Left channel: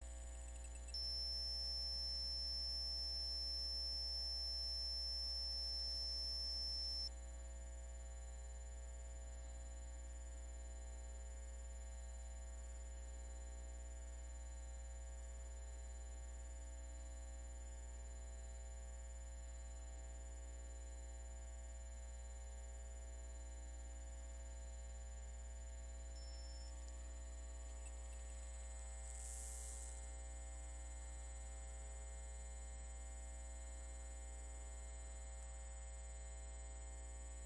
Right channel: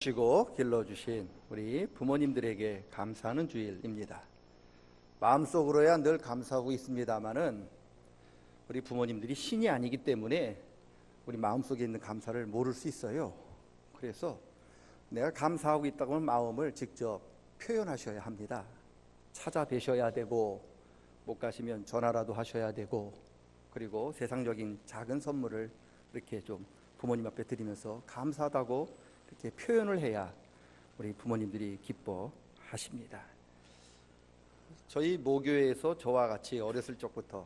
주시고 길러주신 우리 부모님들에게 감사하는 주일입니다. 마음속으로야 늘 감사하고 있습니다만은 우리 부모님들이 신이 아니기 때문에 우리 마음속에 있는 감사를 모를 수 있어요. 그래서 내가 감사하고 있다고 하는 마음을 직접 표현하셔야 합니다. 찾아뵈셔야 되고, 못 가시면 전화라도 하셔야 되고, 그리고 세상적인 작은 선물을 이렇게 좀 부모님 앞에 드리면서 감사하다고 이렇게 표현을 해야 우리 부모님들이 기뻐하십니다. 저희 모교에서 저와 같이 어렸을 적부터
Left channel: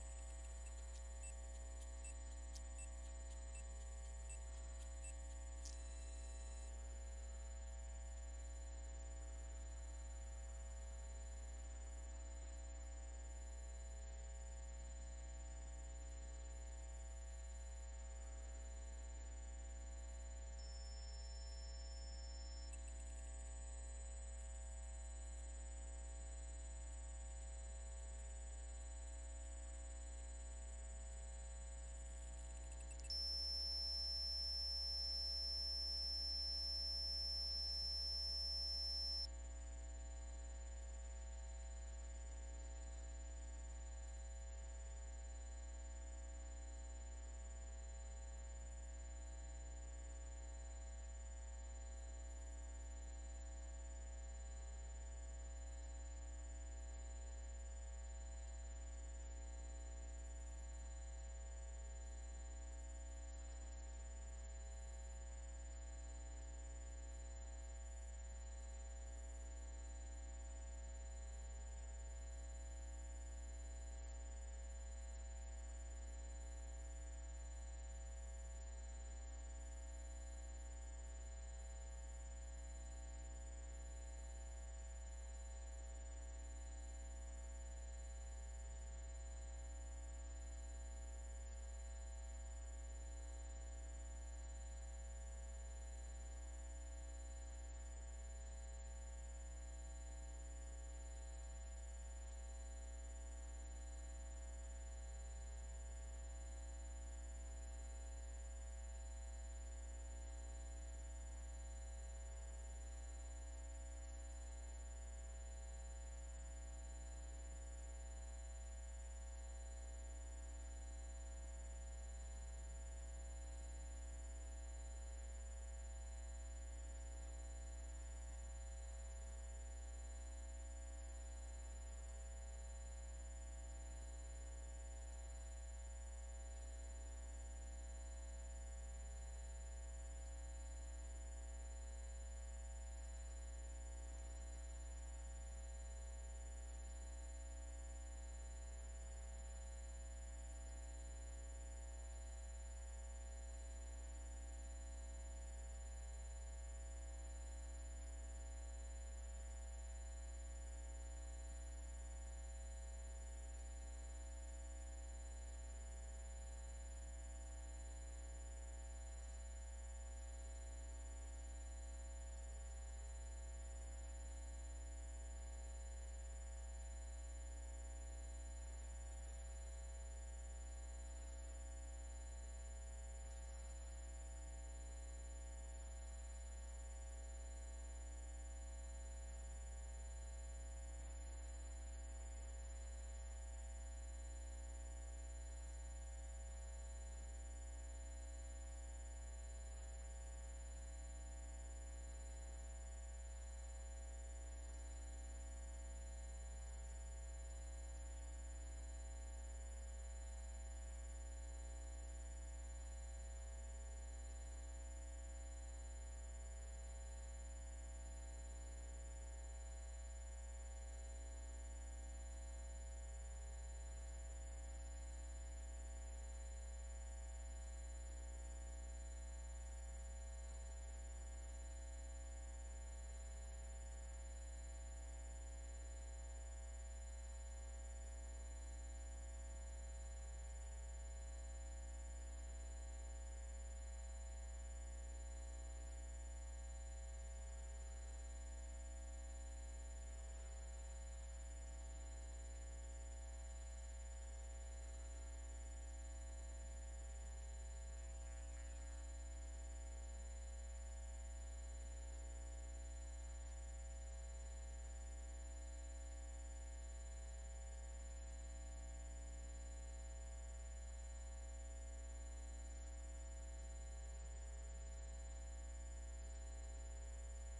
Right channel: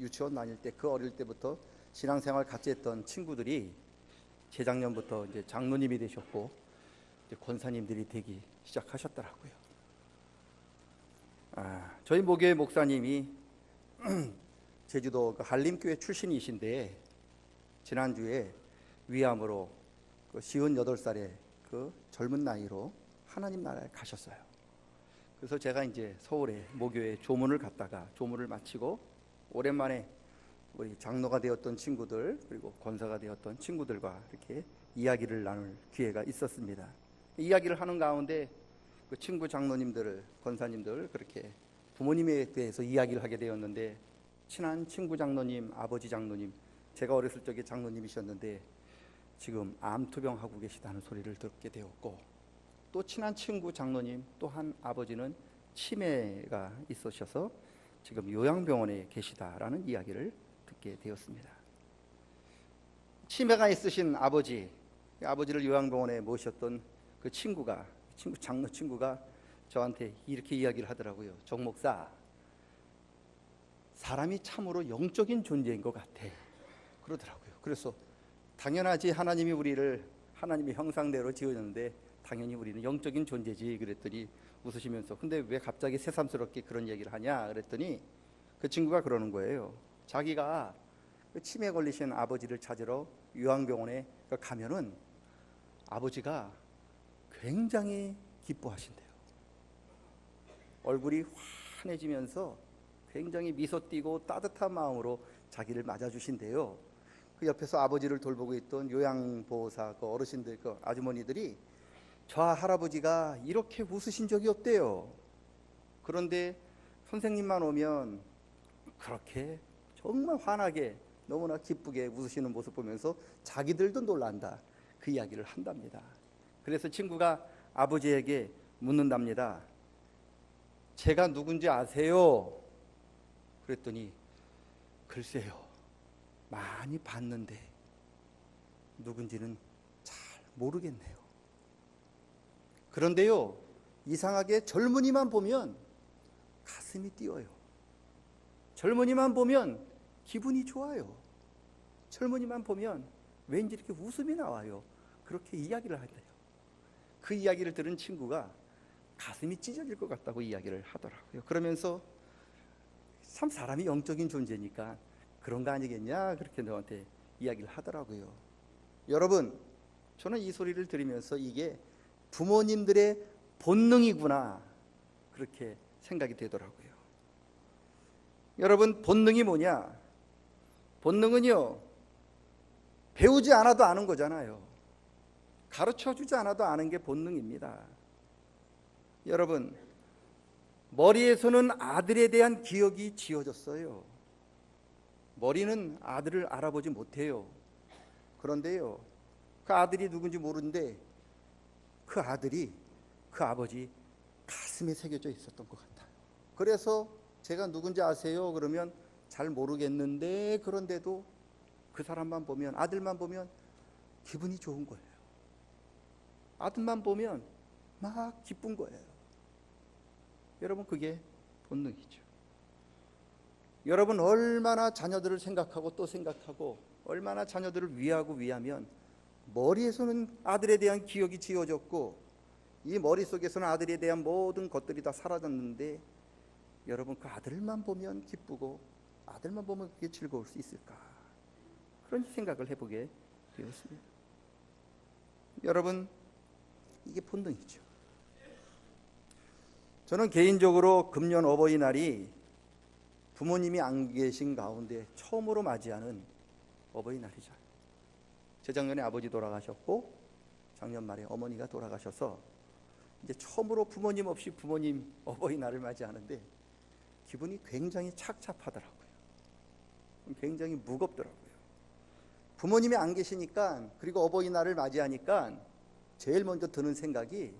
유치원 다닐 때, 그 어릴 때부터 신앙생활 같이 했던 친구들이 재작년부터 이제 장로님이 되셨고 이제 권사님들이 되기 시작하셨더라고요. 저희 모교의 목사님이 제주도 한림교회 출신이신데 지난주에 위암으로 58살의 그 젊은 나이로 하나님 나라에 가셨어요. 그래서 제가 이제 서울에 모교에 조문을 갔다가 조문을 마치고 오랜만에 우리 장로가 되었던 친구들 그리고 권사가 되었던 친구들과 이렇게 이야기를 나눌 기회가 있었습니다. 이야기를 하는 가운데 그 친구 장로님들, 권사님들 그렇게 부모님에 대해서 이야기를 하게 되었는데, 친한 친구 장로님, 아버지 장로님, 제가 어렸을 적에 장로님이셨는데 지금 암투병하고 계시다는 소리를 듣게 되었고, 또 친한 친구 장로님 또한 아버지는 치매가 있으셔서 지금 요양병원에 계시다라는 이야기를 듣게 되었습니다. 치매가 있으신 아버지를 요양병원에 모셨던 그 장로 친구가 저한테 이렇게 이야기를 하더라고요. 정 목사, 사람이 참으로 영적인 존재인 것 같아 그러더라고요. 그래서 당연하지, 하나님이 우리를 하나님의 형상대로 지으셨는데 당연히 우리는 영적인 존재지 그랬더니 웃으시면서, 근데 왜 갑자기 새삼스럽게 그런 얘기를 하냐 그랬더니 그 친구가 그러는 거예요. 자기가 그 치매 걸리신 아버지를 찾으러 요양병원에 가면은 아버지가 굉장히 기뻐하신대요. 얼굴이 환해지면서 굉장히 미소 띠고 따뜻한 마음으로 자기를 맞아주신대요. 그 옆에서 아버지를 돌보고 있던 요양보호사 그 어르신들, 그 아주머니들이 저 할아버지가 이렇게 웃으신 적이 없대요. 그런데 선생님만 오면 그렇게 정말 환하게 너무나 기쁘게 웃으시는 모습 보면서 자기들도 놀란다, 그 이야기를 한답니다. 그래서 친구가 아버지에게 묻는답니다. 제가 누군지 아세요? 그랬더니 글쎄요, 많이 봤는데 누군지는 잘 모르겠네요. 그런데요, 이상하게 젊은이만 보면 가슴이 뛰어요. 젊은이만 보면 기분이 좋아요. 젊은이만 보면 왠지 이렇게 웃음이 나와요. 그렇게 이야기를 하대요. 그 이야기를 들은 친구가 가슴이 찢어질 것 같다고 이야기를 하더라고요. 그러면서 참 사람이 영적인 존재니까 그런 거 아니겠냐 그렇게 너한테 이야기를 하더라고요. 여러분, 저는 이 소리를 들으면서 이게 부모님들의 본능이구나 그렇게 생각이 되더라고요. 여러분, 본능이 뭐냐? 본능은요, 배우지 않아도 아는 거잖아요. 가르쳐주지 않아도 아는 게 본능입니다. 여러분, 머리에서는 아들에 대한 기억이 지워졌어요. 머리는 아들을 알아보지 못해요. 그런데요, 그 아들이 누군지 모르는데 그 아들이 그 아버지 가슴에 새겨져 있었던 것 같다. 그래서 제가 누군지 아세요? 그러면 잘 모르겠는데, 그런데도 그 사람만 보면, 아들만 보면 기분이 좋은 거예요. 아들만 보면 막 기쁜 거예요. 여러분, 그게 본능이죠. 여러분, 얼마나 자녀들을 생각하고 또 생각하고 얼마나 자녀들을 위하면 머리에서는 아들에 대한 기억이 지워졌고 이 머릿속에서는 아들에 대한 모든 것들이 다 사라졌는데, 여러분, 그 아들만 보면 기쁘고 아들만 보면 그게 즐거울 수 있을까? 그런 생각을 해보게 되었습니다. 여러분, 이게 본능이죠. 저는 개인적으로 금년 어버이날이 부모님이 안 계신 가운데 처음으로 맞이하는 어버이날이죠. 재작년에 아버지 돌아가셨고 작년 말에 어머니가 돌아가셔서 이제 처음으로 부모님 없이 부모님 어버이날을 맞이하는데 기분이 굉장히 착잡하더라고요. 굉장히 무겁더라고요. 부모님이 안 계시니까, 그리고 어버이날을 맞이하니까 제일 먼저 드는 생각이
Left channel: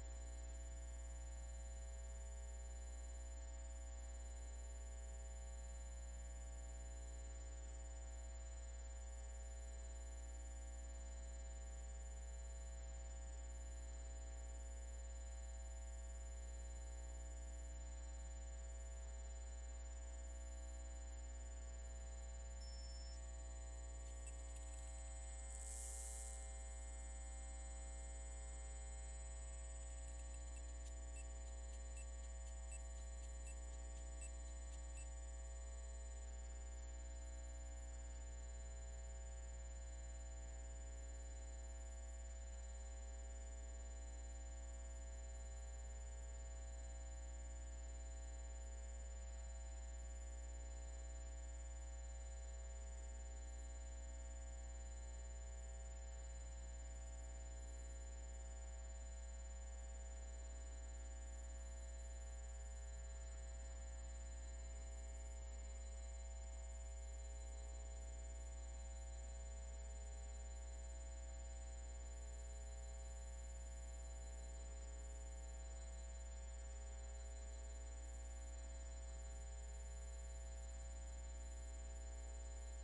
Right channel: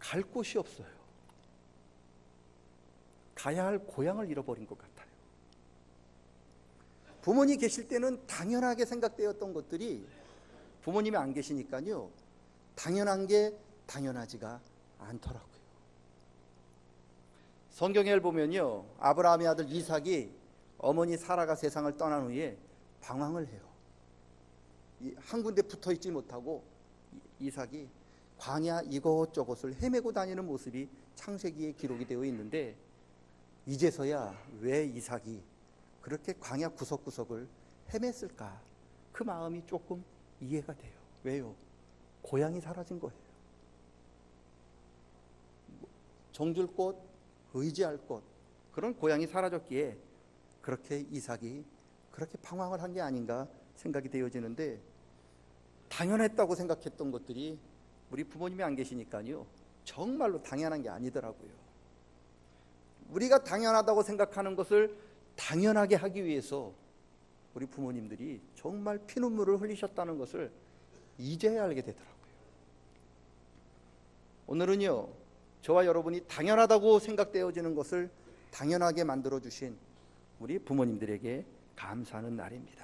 갈 곳이 없어요. 가야 할 고향을 잃어버린 것 같아요. 부모님 계실 때는 당연하게 생각되었던 것들이 부모님이 안 계시니까요, 당연한 게 당연하지가 않더라고요. 성경에 보면요, 아브라함의 아들 이삭이 어머니 사라가 세상을 떠난 후에 방황을 해요. 한 군데 붙어 있지 못하고 이삭이 광야 이곳저곳을 헤매고 다니는 모습이 창세기에 기록이 되어 있는데, 이제서야 왜 이삭이 그렇게 광야 구석구석을 헤맸을까, 그 마음이 조금 이해가 돼요. 왜요? 고향이 사라진 거예요. 정줄 곳, 의지할 곳, 그런 고향이 사라졌기에 그렇게 이삭이 그렇게 방황을 한 게 아닌가 생각이 되어지는데, 당연했다고 생각했던 것들이 우리 부모님이 안 계시니까요, 정말로 당연한 게 아니더라고요. 우리가 당연하다고 생각하는 것을 당연하게 하기 위해서 우리 부모님들이 정말 피눈물을 흘리셨다는 것을 이제야 알게 되더라고요. 오늘은요, 저와 여러분이 당연하다고 생각되어지는 것을 당연하게 만들어주신 우리 부모님들에게 감사하는 날입니다.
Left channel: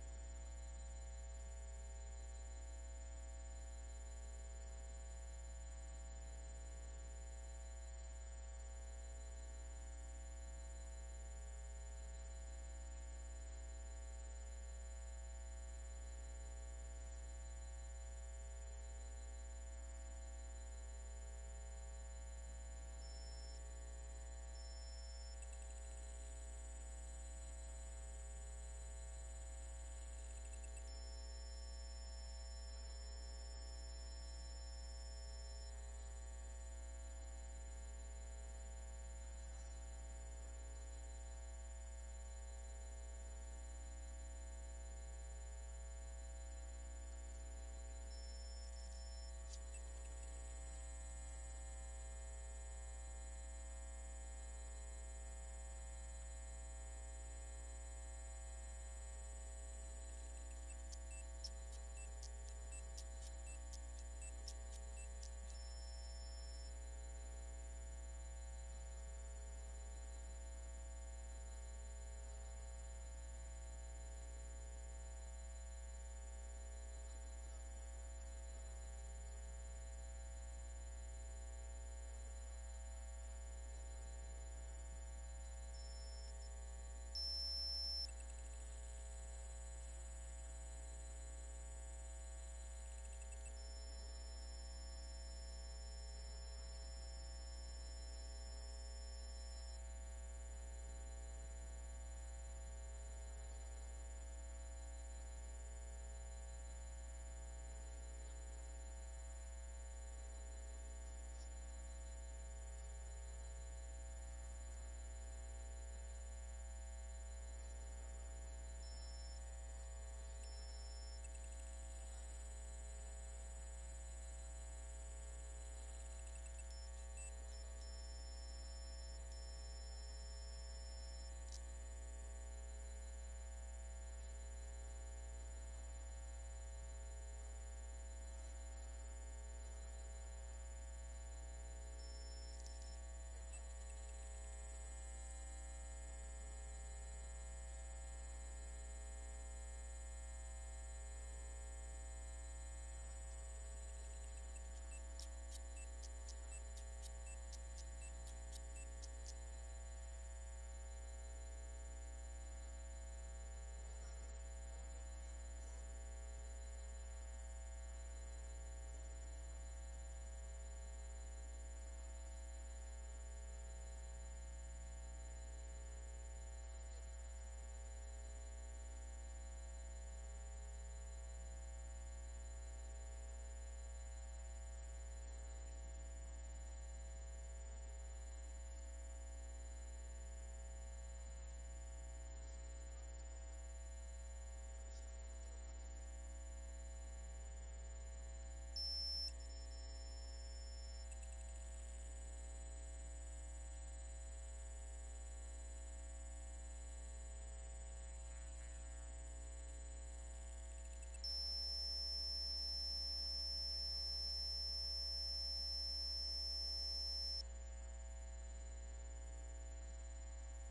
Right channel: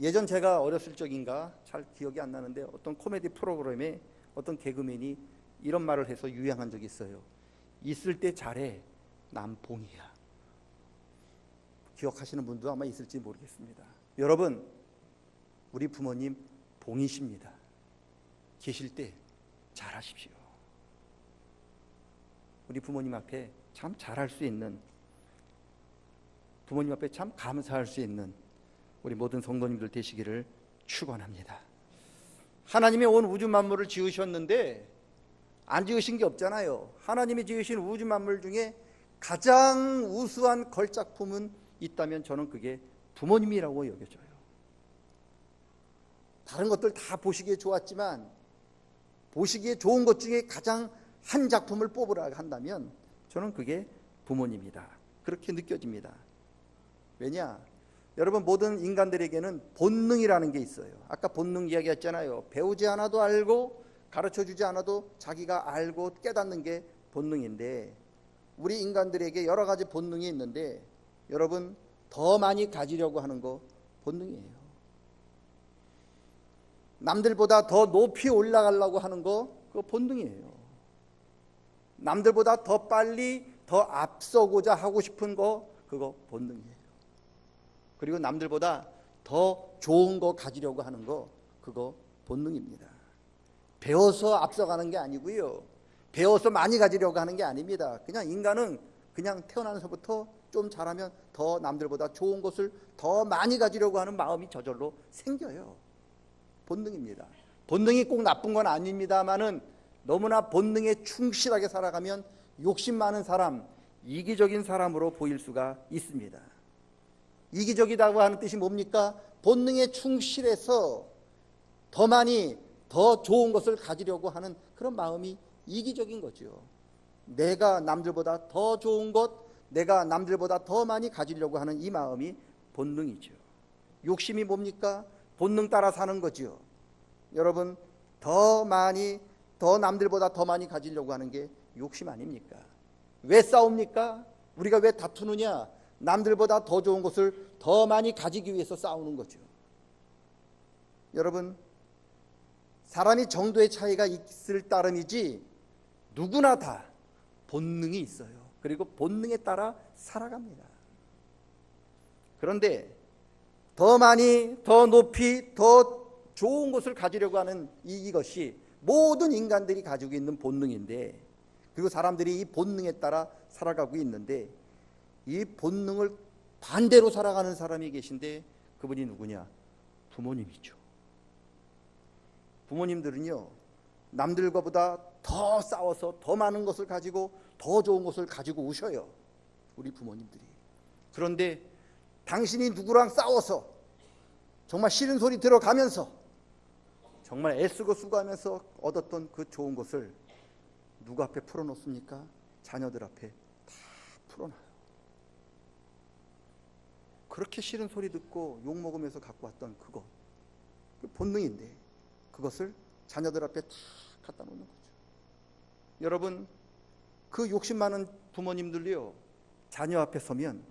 예전 제가 어렸을 적인가 잘 기억이 안 나는데, 어떤 코미디 프로그램에 어떤 개그맨이 이런 말을 해서 유행한 적이 있어요. 있을 때 잘해, 남 봉이야. 기억하시는 분도 아마 있을지 모르겠습니다. 여러분, 우리 부모님 봉이십니다. 계실 때 잘하십시오. 우리 부모님 앞에 참 잘할 수 있는, 부모님 앞에 참 감사할 수 있는 우리 모든 성도님들 되시기를 축원합니다. 하나님이 온 우주 만물을 지으셨는데 안 지으신 게 없잖아요. 하나님이 지으신 우주 만물 중에 가장 우수한 걸작품은 있다면 저는 그게 부모님이라고 여겨져요. 다른 것들 다 보시기에 좋았지만, 보시기에 좋은 것 중에 가장 한 작품을 뽑으라 한다면 저는 그게 부모님이다, 그렇게 느껴집니다. 왜냐? 여러분, 모든 인간들에게는 본능이라는 게 있어요. 아까 본능 이야기했잖아요. 배우지 않아도 알고 가르쳐주지 않아도 자기가 알고 깨닫는 게 본능인데, 우리 인간들에게 여러 가지 본능이 있는데, 여러분, 더 많이 가지려고 하는 거 본능이에요. 남들보다 더 높이 올라가려고 하는 거, 그거 본능이에요. 남들보다 더 빨리 더 앞서고자 하고 싶은 거, 그거 본능이에요. 그리고 남들보다 더 좋은 거 가지려고 하는 거, 그거 본능입니다. 배워서 앞서가는 게 아니고요, 배워서 많이 가지려고 하는 게 아닙니다. 그냥 인간은 그냥 태어나서부터 좀 잘하면 더 남들보다 좋은 것을 더 많이 가지려고 하는 마음이 저절로 생겨요. 본능입니다. 본능이 꼭 나쁜 건 아닙니다만은, 너무나 본능에 충실하게 살아가면 욕심 많은 사람, 이기적인 사람으로 보일 수가 있습니다. 이기적이라고 하는 뜻이 뭡니까? 본능에 충실해서 더 많이, 더 좋은 것을 가지려고 하는 그런 마음이 이기적인 거죠. 내가 남들보다 더 좋은 것, 내가 남들보다 더 많이 가지려고 하는 이 마음이 본능이죠. 욕심이 뭡니까? 본능 따라 사는 거죠. 여러분, 더 많이, 더 남들보다 더 많이 가지려고 하는 게 욕심 아닙니까? 왜 싸웁니까? 우리가 왜 다투느냐? 남들보다 더 좋은 것을 더 많이 가지기 위해서 싸우는 거죠. 여러분, 사람이 정도의 차이가 있을 따름이지 누구나 다 본능이 있어요. 그리고 본능에 따라 살아갑니다. 그런데 더 많이, 더 높이, 더 좋은 것을 가지려고 하는 이것이 모든 인간들이 가지고 있는 본능인데, 그리고 사람들이 이 본능에 따라 살아가고 있는데, 이 본능을 반대로 살아가는 사람이 계신데, 그분이 누구냐? 부모님이죠. 부모님들은요, 남들과보다 더 싸워서 더 많은 것을 가지고 더 좋은 것을 가지고 오셔요. 우리 부모님들이. 그런데 당신이 누구랑 싸워서 정말 싫은 소리 들어가면서 정말 애쓰고 수고하면서 얻었던 그 좋은 것을 누구 앞에 풀어놓습니까? 자녀들 앞에 다 풀어놔요. 그렇게 싫은 소리 듣고 욕 먹으면서 갖고 왔던 그거, 그 본능인데 그것을 자녀들 앞에 다 갖다 놓는 거죠. 여러분, 그 욕심 많은 부모님들이요, 자녀 앞에 서면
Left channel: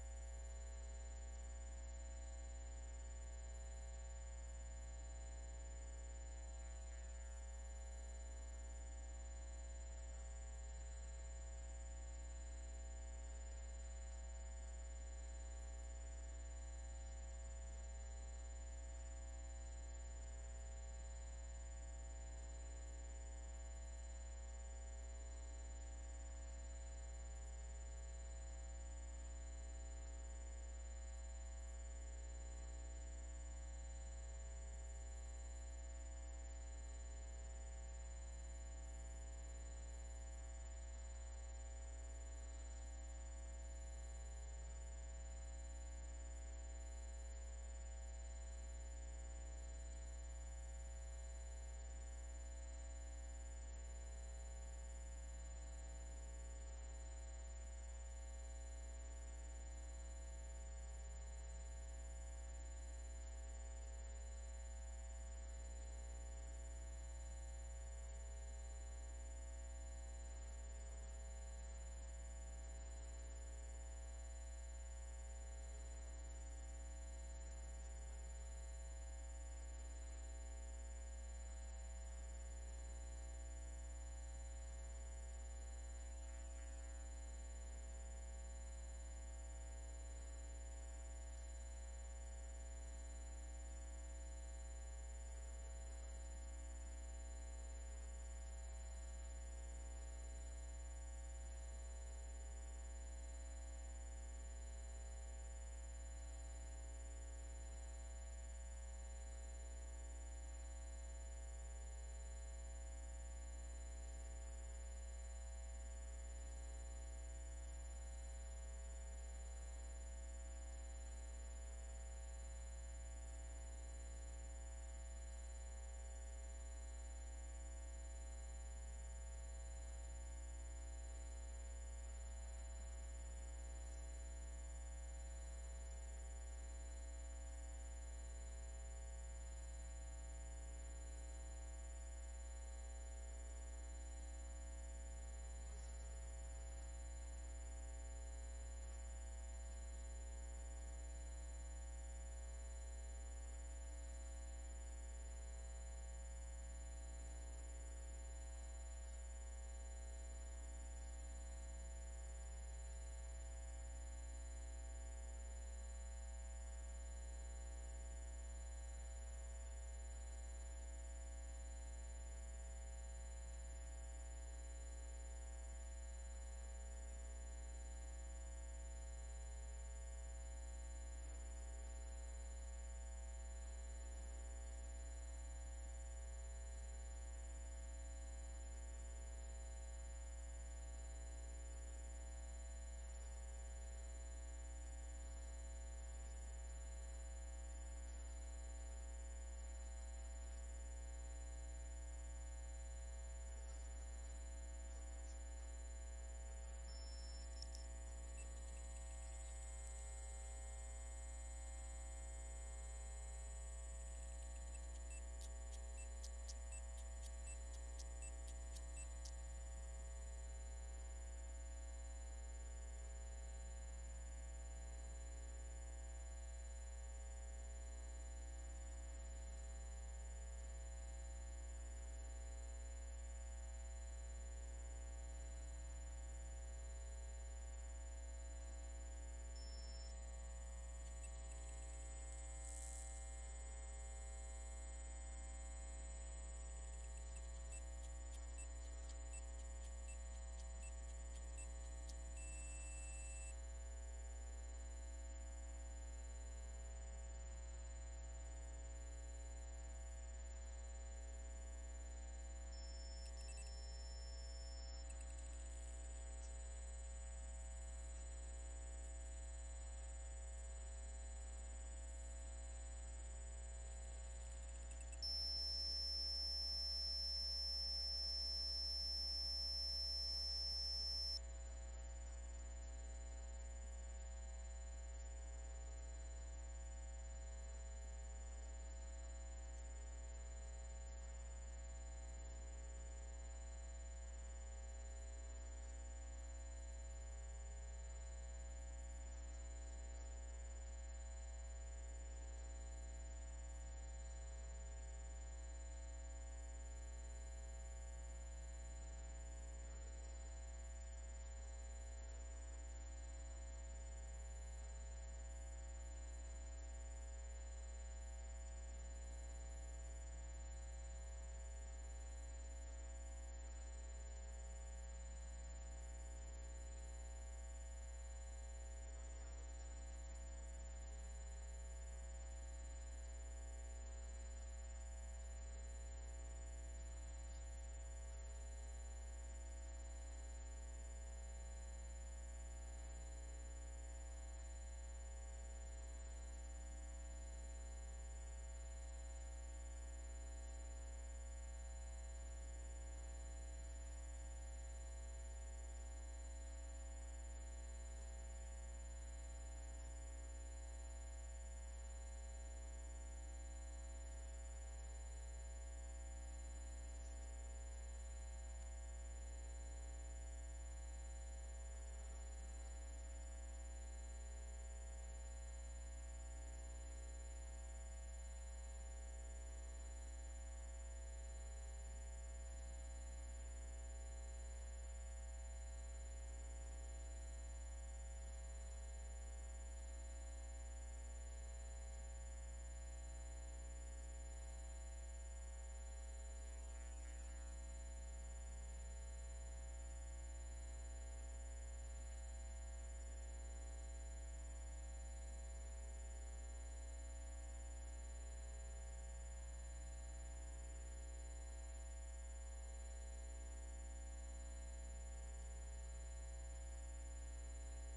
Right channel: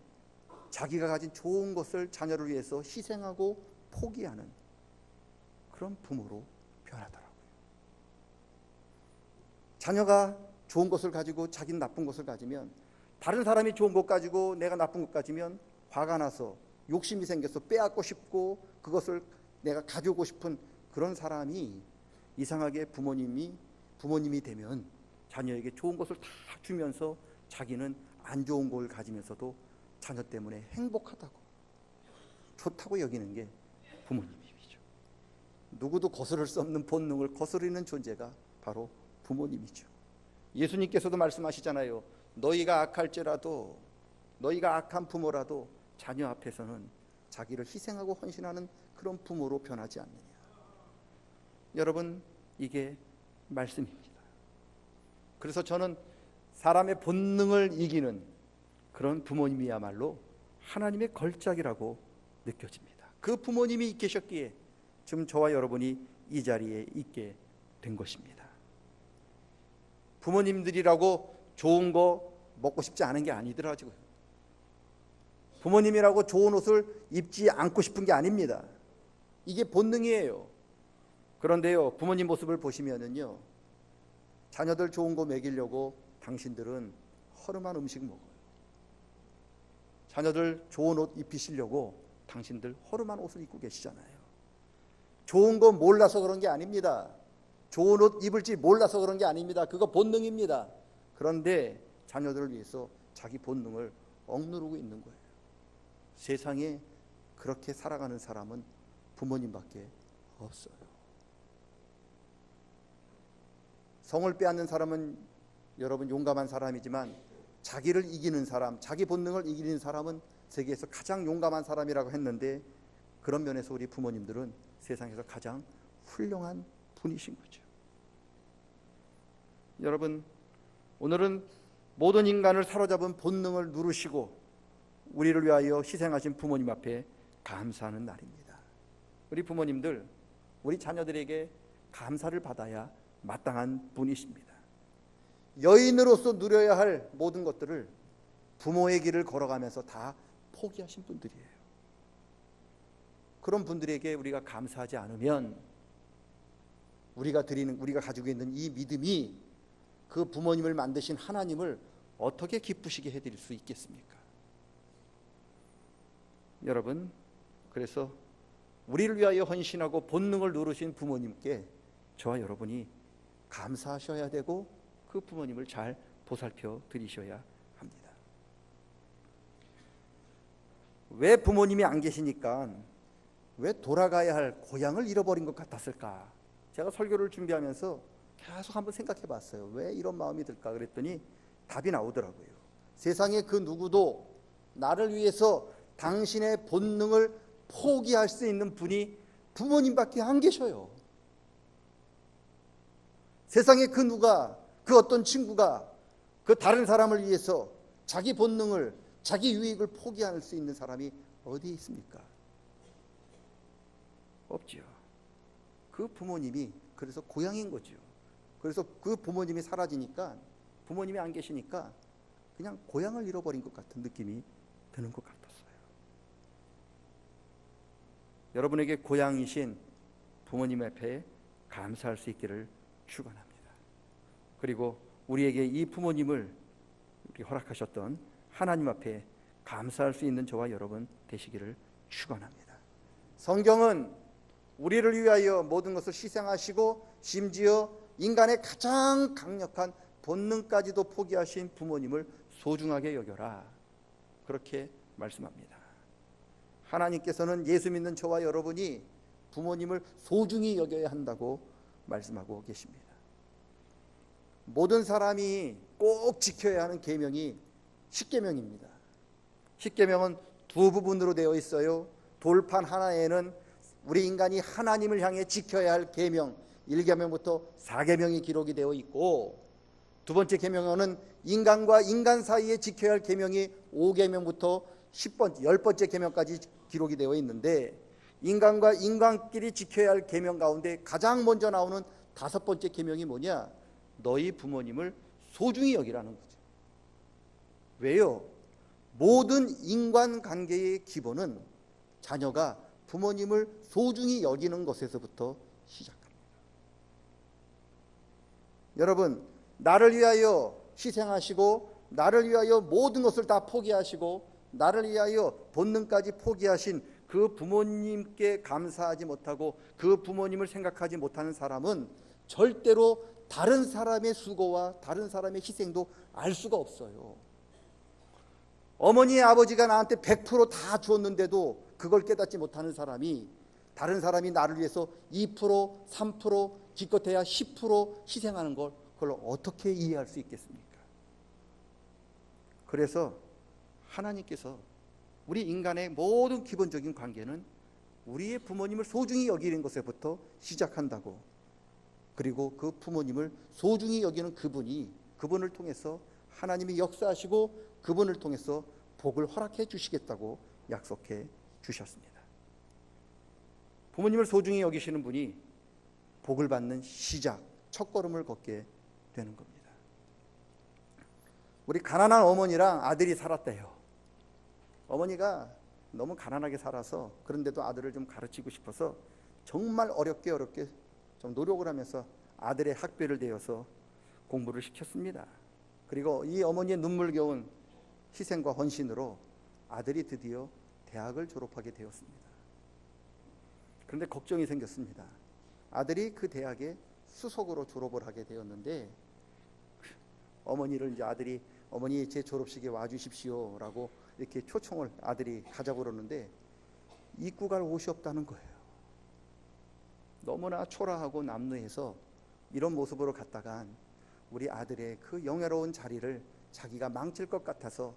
자기가 가진 좋은 것을 자녀를 위해서 희생하고 포기하는 그런 부모로 변하더라고요. 자녀가 좋은 것을 가지고 자기는 나쁜 것을 가지면, 다른 사람이 좋은 것 가지고 내가 나쁜 것 가지면 화가 나서 욕심이 생겨서 빼앗고 싶고 그것을 내가 가지고 싶은 그런 사람이 이상하게 부모님이 되면 자녀에게 좋은 것을 다 주면서 자기는 안 좋은 걸 가지면서도 자녀 때문에 행복하다고, 좋다고 여기는 게 부모님이죠. 누구도 거스를 수 없는 본능을 거스르는 존재가 바로 부모님이죠. 예수님께서도 말씀하시잖아요. 너희가 악할지라도, 너희가 악한 부모라도 자녀 앞에서는 자기를 희생하고 헌신하는 그런 부모로 변하지 않느냐. 여러분, 이게 말씀입니다. 그래서 저는 사람의 본능을 이기는 그런 부모님이야말로 하나님의 걸작이라고 느껴집니다. 그 부모님이 계셨기에 지금 저와 여러분이 이 자리에 있게 된 것입니다. 부모님들이라고 좋은 거 먹고 싶지 않은 게 아니더라고요. 부모님이라고 좋은 옷을 입지 않고 싶은 게 아닙니다. 이게 본능이에요. 그런데요, 부모님 모습을 보시면은요, 자녀들 좋은 거 먹이려고 당신들은 허름한 음식 먹어요. 자녀들 좋은 옷 입히시려고 당신들 허름한 옷을 입고 계시잖아요. 좋은 거 몰라서 그런 게 아닙니다. 좋은 옷 입을지 몰라서 그런 게 아닙니다. 그거 본능입니다. 그런데 자녀들을 위해서 자기 본능을 억누르고 있는 거예요. 세상에 그렇게 살아가는 사람은 부모님밖에 없어요. 성을 빼앗는 사람은 여러분 용감한 사람이지만 자기를 이기는 사람, 자기 본능을 이기는 사람은 세계에서 가장 용감한 사람이라고 했는데, 그런 면에서 우리 부모님들은 세상에서 가장 훌륭한 분이신 거죠. 여러분, 오늘은 모든 인간을 사로잡은 본능을 누르시고 우리를 위하여 희생하신 부모님 앞에 감사하는 날입니다. 우리 부모님들, 우리 자녀들에게 감사를 받아야 마땅한 분이십니다. 여인으로서 누려야 할 모든 것들을 부모의 길을 걸어가면서 다 포기하신 분들이에요. 그런 분들에게 우리가 감사하지 않으면 우리가 가지고 있는 이 믿음이 그 부모님을 만드신 하나님을 어떻게 기쁘시게 해드릴 수 있겠습니까? 여러분, 그래서 우리를 위하여 헌신하고 본능을 누르신 부모님께 저와 여러분이 감사하셔야 되고 그 부모님을 잘 보살펴 드리셔야 합니다. 왜 부모님이 안 계시니까 왜 돌아가야 할 고향을 잃어버린 것 같았을까? 제가 설교를 준비하면서 계속 한번 생각해 봤어요. 왜 이런 마음이 들까? 그랬더니 답이 나오더라고요. 세상에 그 누구도 나를 위해서 당신의 본능을 포기할 수 있는 분이 부모님밖에 안 계셔요. 세상에 그 누가, 그 어떤 친구가 그 다른 사람을 위해서 자기 본능을, 자기 유익을 포기할 수 있는 사람이 어디에 있습니까? 없지요. 그 부모님이 그래서 고향인 거죠. 그래서 그 부모님이 사라지니까, 부모님이 안 계시니까 그냥 고향을 잃어버린 것 같은 느낌이 드는 것 같았어요. 여러분에게 고향이신 부모님 앞에 감사할 수 있기를 축원합니다. 그리고 우리에게 이 부모님을 허락하셨던 하나님 앞에 감사할 수 있는 저와 여러분 되시기를 축원합니다. 성경은 우리를 위하여 모든 것을 희생하시고 심지어 인간의 가장 강력한 본능까지도 포기하신 부모님을 소중하게 여겨라, 그렇게 말씀합니다. 하나님께서는 예수 믿는 저와 여러분이 부모님을 소중히 여겨야 한다고 말씀하고 계십니다. 모든 사람이 꼭 지켜야 하는 계명이 십계명입니다. 십계명은 두 부분으로 되어 있어요. 돌판 하나에는 우리 인간이 하나님을 향해 지켜야 할 계명 1계명부터 4계명이 기록이 되어 있고, 두 번째 계명은 인간과 인간 사이에 지켜야 할 계명이 5계명부터 10번째 계명까지 기록이 되어 있는데, 인간과 인간끼리 지켜야 할 계명 가운데 가장 먼저 나오는 5번째 계명이 뭐냐? 너희 부모님을 소중히 여기라는 거죠. 왜요? 모든 인간관계의 기본은 자녀가 부모님을 소중히 여기는 것에서부터 시작합니다. 여러분, 나를 위하여 희생하시고 나를 위하여 모든 것을 다 포기하시고 나를 위하여 본능까지 포기하신 그 부모님께 감사하지 못하고 그 부모님을 생각하지 못하는 사람은 절대로 다른 사람의 수고와 다른 사람의 희생도 알 수가 없어요. 어머니 아버지가 나한테 100%다 주었는데도 그걸 깨닫지 못하는 사람이, 다른 사람이 나를 위해서 2%, 3%, 기껏해야 10% 희생하는 걸 그걸 어떻게 이해할 수 있겠습니까? 그래서 하나님께서 우리 인간의 모든 기본적인 관계는 우리의 부모님을 소중히 여기는 것에부터 시작한다고, 그리고 그 부모님을 소중히 여기는 그분을 통해서 하나님이 역사하시고 그분을 통해서 복을 허락해 주시겠다고 약속해 주셨습니다. 부모님을 소중히 여기시는 분이 복을 받는 시작, 첫걸음을 걷게 되는 겁니다. 우리 가난한 어머니랑 아들이 살았대요. 어머니가 너무 가난하게 살아서, 그런데도 아들을 좀 가르치고 싶어서 정말 어렵게 좀 노력을 하면서 아들의 학비를 대어서 공부를 시켰습니다. 그리고 이 어머니의 눈물겨운 희생과 헌신으로 아들이 드디어 대학을 졸업하게 되었습니다. 그런데 걱정이 생겼습니다. 아들이 그 대학에 수석으로 졸업을 하게 되었는데, 어머니를 이제 아들이 어머니 제 졸업식에 와주십시오라고 이렇게 초청을 아들이 가자고 그러는데 입고 갈 옷이 없다는 거예요. 너무나 초라하고 남루해서 이런 모습으로 갔다간 우리 아들의 그 영예로운 자리를 자기가 망칠 것 같아서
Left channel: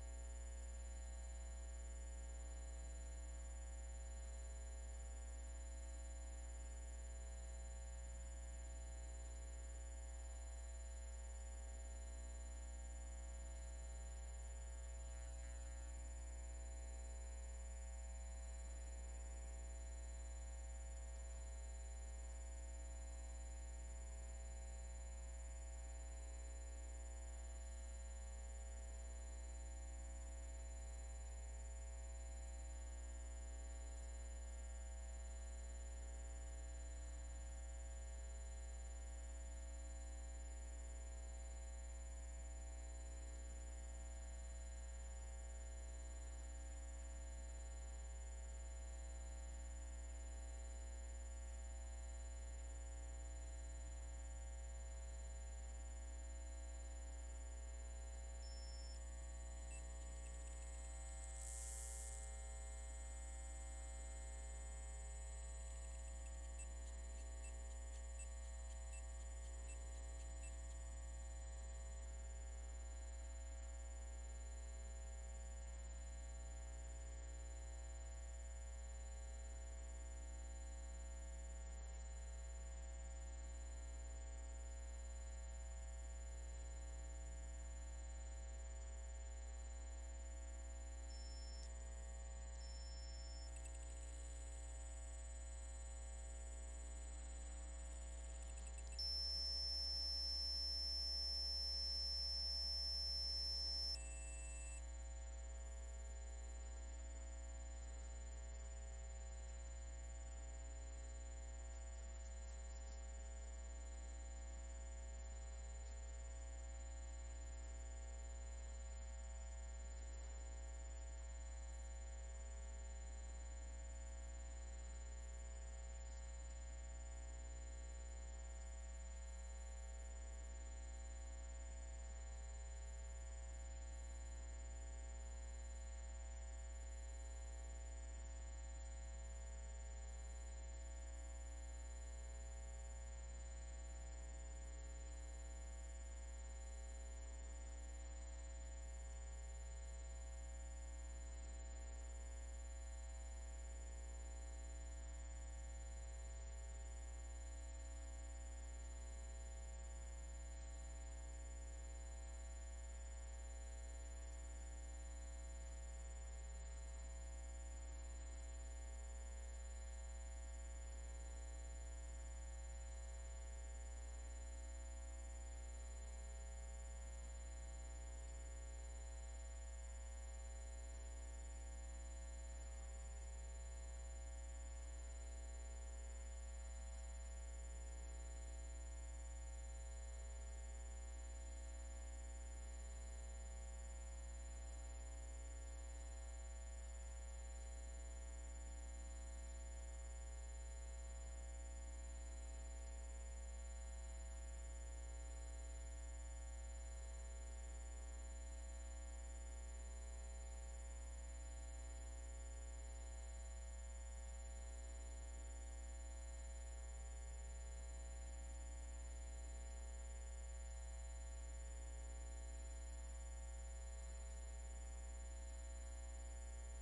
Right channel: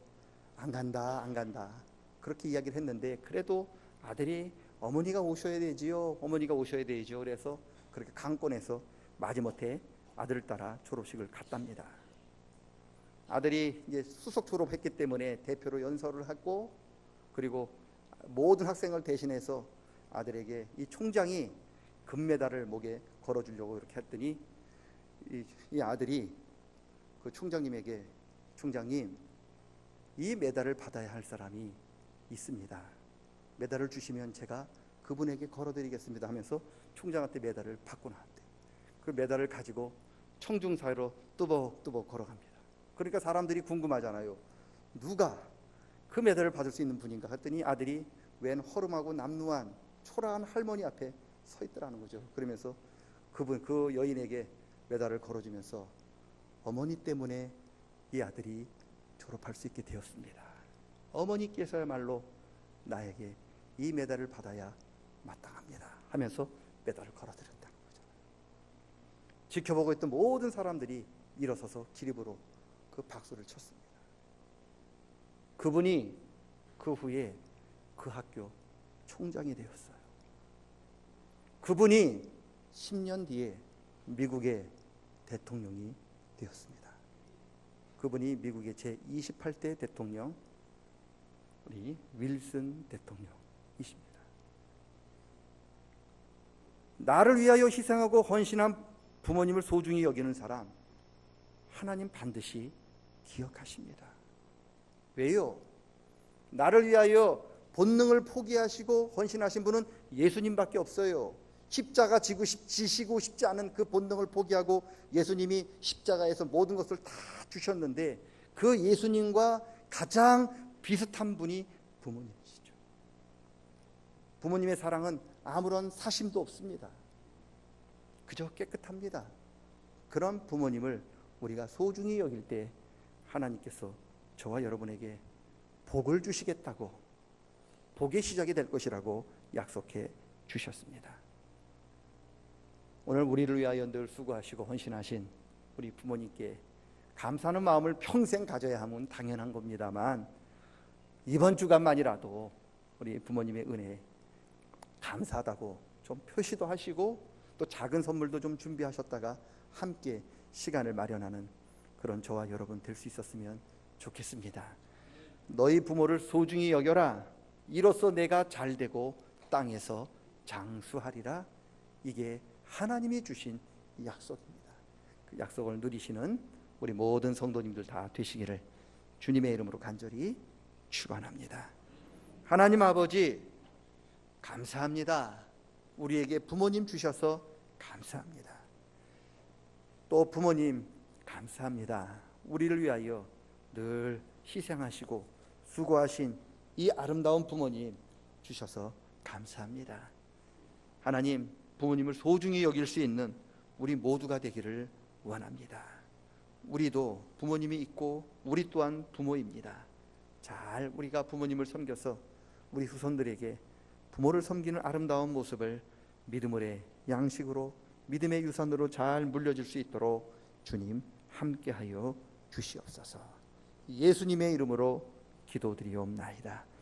안 간다 그렇게 이야기를 했는데, 그래도 아들이 어머니가 오셔야 되지요, 그래서 그렇게 강권해서 마지못해 아들을 따라 졸업식을 갔답니다. 아들이 이제 수석 졸업했기 때문에 대표로 연설을 하고, 그리고 모든 학생을 대신해서 아들에게 이 총장이 금메달을 목에 걸어주려고 이렇게 했더니 이 아들이 그 총장님에게, 총장님, 이 메달을 받아야 할 사람이 있습니다. 메달을 주시면 제가 그분에게 걸어드리겠습니다 하면서 총장한테 메달을 받고 나왔대요. 그 메달을 가지고 청중 사이로 뚜벅뚜벅 걸어갑니다. 그러니까 사람들이 궁금하잖아요. 누가 그 메달을 받을 수 있는 분인가 했더니 아들이 웬 허름하고 남루한 초라한 할머니 앞에 서 있더라는 거죠. 그러면서 그 여인에게 메달을 걸어주면서 어머니 때문에 이 아들이 졸업할 수 있게 되었습니다. 어머니께서야말로 나에게 이 메달을 받아야 마땅합니다 하면서 메달을 걸어드렸다는 거죠. 지켜보고 있던 모든 사람들이 일어서서 기립으로 그 박수를 쳤습니다. 그분이 그 후에 그 학교 총장이 되었어요. 그분이 10년 뒤에 미국의 대통령이 되었습니다. 그분이 미국의 제28대 대통령, 우리 윌슨 대통령이십니다. 나를 위하여 희생하고 헌신한 부모님을 소중히 여기는 사람, 하나님 반드시 기억하십니다. 왜요? 나를 위하여 본능을 포기하시고 헌신하신 분은 예수님밖에 없어요. 십자가 지시고 싶지 않은 그 본능을 포기하고 예수님이 십자가에서 모든 것을 다 주셨는데, 그 예수님과 가장 비슷한 분이 부모님이시죠. 부모님의 사랑은 아무런 사심도 없습니다. 그저 깨끗합니다. 그런 부모님을 우리가 소중히 여길 때 하나님께서 저와 여러분에게 복을 주시겠다고, 복의 시작이 될 것이라고 약속해 주셨습니다. 오늘 우리를 위하여 늘 수고하시고 헌신하신 우리 부모님께 감사하는 마음을 평생 가져야 하면 당연한 겁니다만, 이번 주간만이라도 우리 부모님의 은혜 감사하다고 좀 표시도 하시고 또 작은 선물도 좀 준비하셨다가 함께 시간을 마련하는 그런 저와 여러분 될 수 있었으면 좋겠습니다. 너희 부모를 소중히 여겨라. 이로써 내가 잘되고 땅에서 장수하리라. 이게 하나님이 주신 약속입니다. 그 약속을 누리시는 우리 모든 성도님들 다 되시기를 주님의 이름으로 간절히 축원합니다. 하나님 아버지 감사합니다. 우리에게 부모님 주셔서 감사합니다. 또 부모님 감사합니다. 우리를 위하여 늘 희생하시고 수고하신 이 아름다운 부모님 주셔서 감사합니다. 하나님, 부모님을 소중히 여길 수 있는 우리 모두가 되기를 원합니다. 우리도 부모님이 있고 우리 또한 부모입니다. 잘 우리가 부모님을 섬겨서 우리 후손들에게 부모를 섬기는 아름다운 모습을 믿음의 양식으로 믿음의 유산으로 잘 물려줄 수 있도록 주님 함께하여 주시옵소서. 예수님의 이름으로 기도드리옵나이다.